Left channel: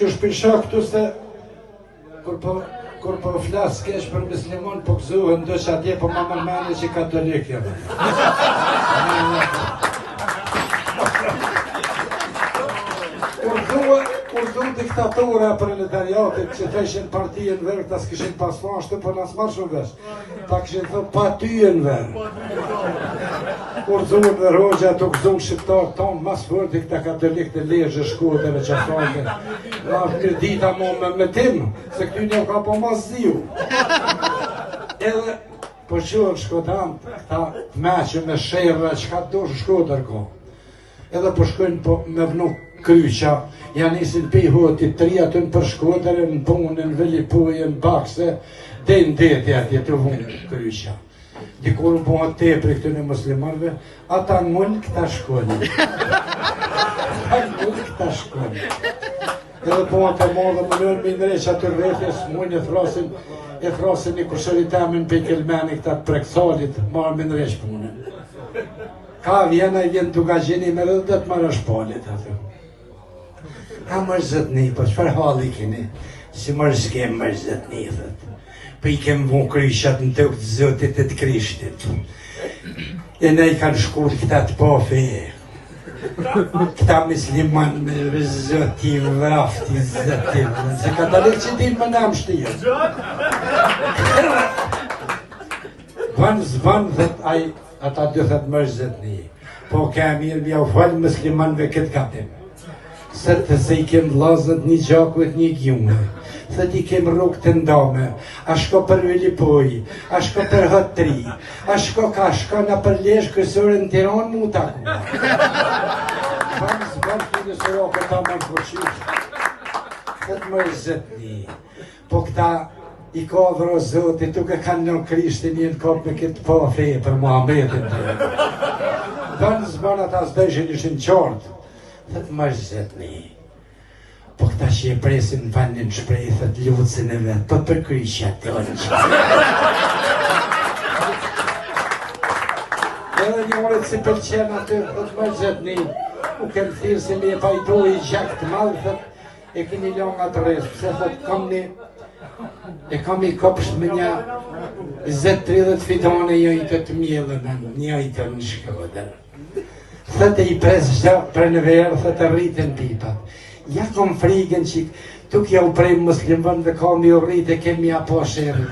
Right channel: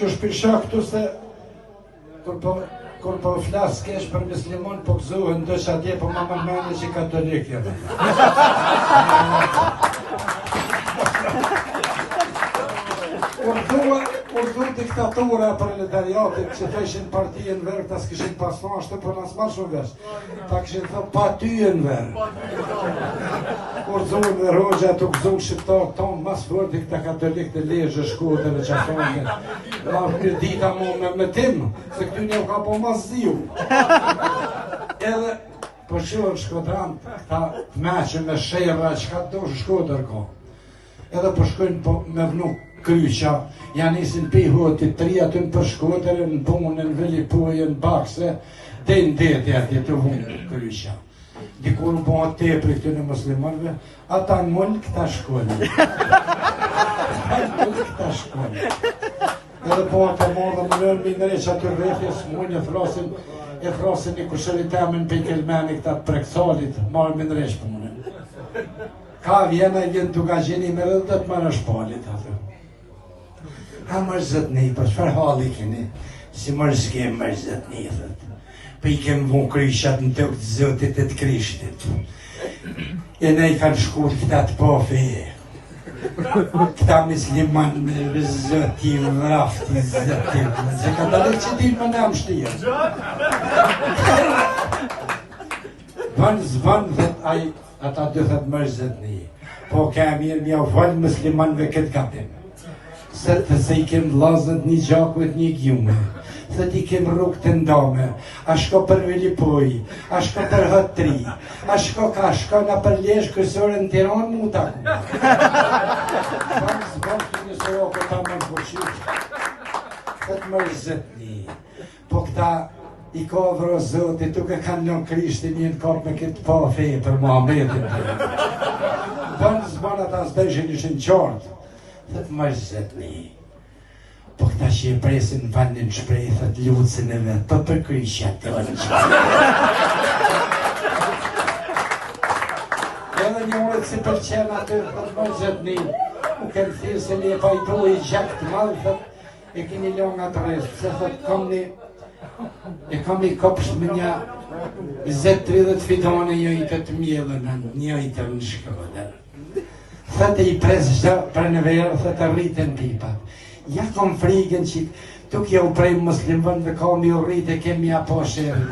që shpisha këtu se kur po flas kesh për musliman po gëzohen ndosh atje po më mendoj që katolik jam. Urdu diktatura proletariatit që theshin partijën verë, ta s'kishin pas fashtë, por nas marrë shumë vesh. Ta kishin thë pa tyjen verë. Urdu dhe Rogja të gëzum shqiptarë tonë, mas vërdi këta katolik të lejë shkuët dhe me qafane. La për dita mu me tim, se këty një ka po mas ziu. Edhe, po qëllën shkotan, ta meqë me shërra, që ka të do shkodër ko. Edhe po shkojnë me vnu kryqa, janë nisin pe hotit të ria të në përshkodërën, në punën, vëllipujën, bakse, dhe në deti atje të vunë kryqa. Dikur në bëha tepri këtë në muslimanve, ata mëllë këta shkoni. Mëllë këta shkoni. Edhe bëha të modë më nërë mindre që atë rrethjes, mëllë e thrasin një kushëritamin për kelmeni këta preksalit, marë mindre shpunën. Ka vjene të ka gjeni me dhe të të marrë shpalit atë. A mërzëtni, po qëfar halli keni? Si mërzke mërzëtni, thët. Po i kem vu kryshat në të këtë zëtit e të krishtit. E ne i kanë shkur këta të po feje. Këta misliman me zëtim, vrafti, zëtim. Se ka të lekë që ti më nam shtirë. Vanë zvanë dhët aj, ata dy thët mërzëtni. Po ka mirë mja u falë muslimanve këtë kapim. Se të se i kem vlazët një gjakuet një gjume, se ti kem rrug të ndame, a shko për Villipoj, a shko për Hëtri, a shko ka shko nga për lesh kësore në Tiran mu taku. Famë zbërti nëse jo këta më në përqysh, të të mërzët një, po këta i ka vëro zotit, duke kanë në krishtin një në kap me këtë pa fejë për Muhammedin. Famë zbërna ta zdejshin ishin qartë. Thët mërzët një, po këta që e presin vandin shprej, thët lucën e vetë, po për kryqja të në qërë. Edhe një orët si përqen atë, thët mërzët një, u kemë thirë se një e pajtu i gjak të malë, thët e këni longë atë resë, se thët kam një, e kam i kopsht me një 20-30 fitane jojtë të mjellën, njojtë në Shkodër. Thëtë i presë gjë për në verë, thëtë rritën pipat. Ja kom frigën që tuk ja u prej muslimën dhe ka një rritë e kemi apo shërën.